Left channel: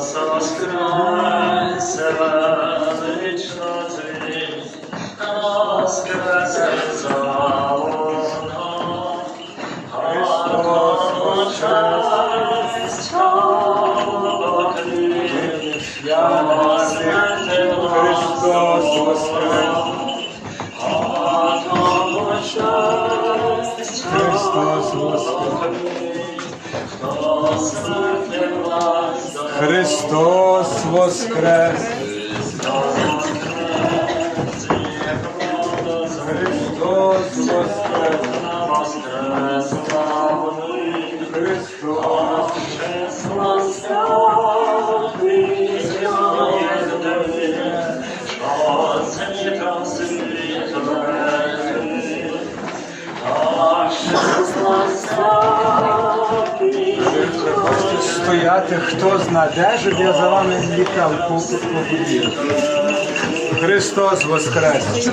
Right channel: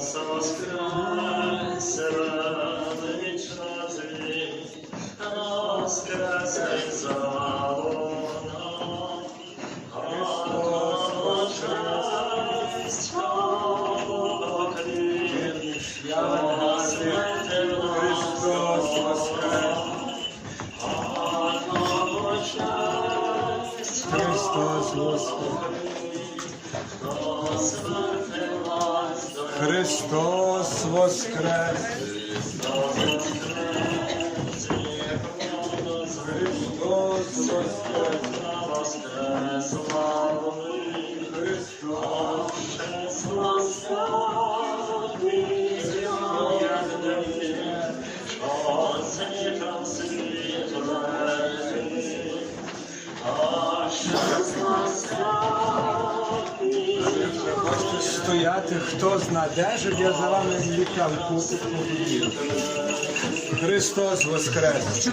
Христос воскресе, велично звіт, воскресе заоно. Христос честь, слава я смерти Христос воскрес! Христос воскрес! Христос воскрес! Христос стояти, хто зна де, щоб я за вами злікав побудів. Христос воскрес!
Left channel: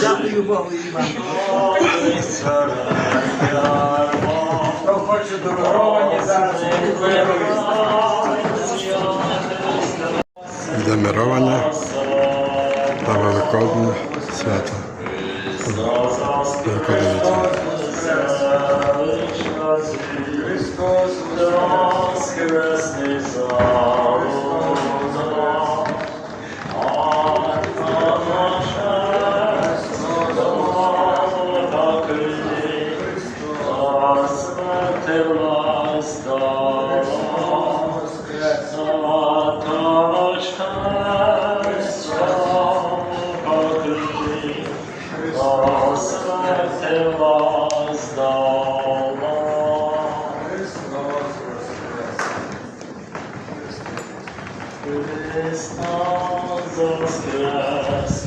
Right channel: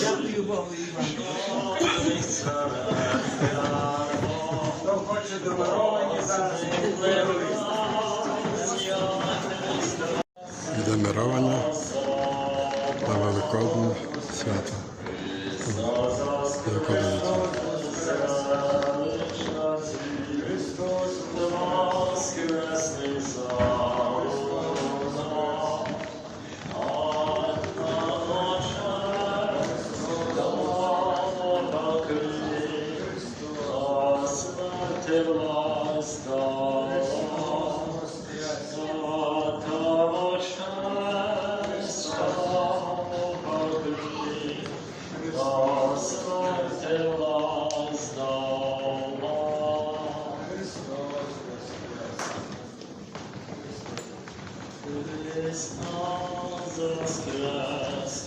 Дякую Богу і вам. Хто хоче дороговані зараз Демировання та Великодне свято. Великодня. Христос Воскресний Христос воскрес,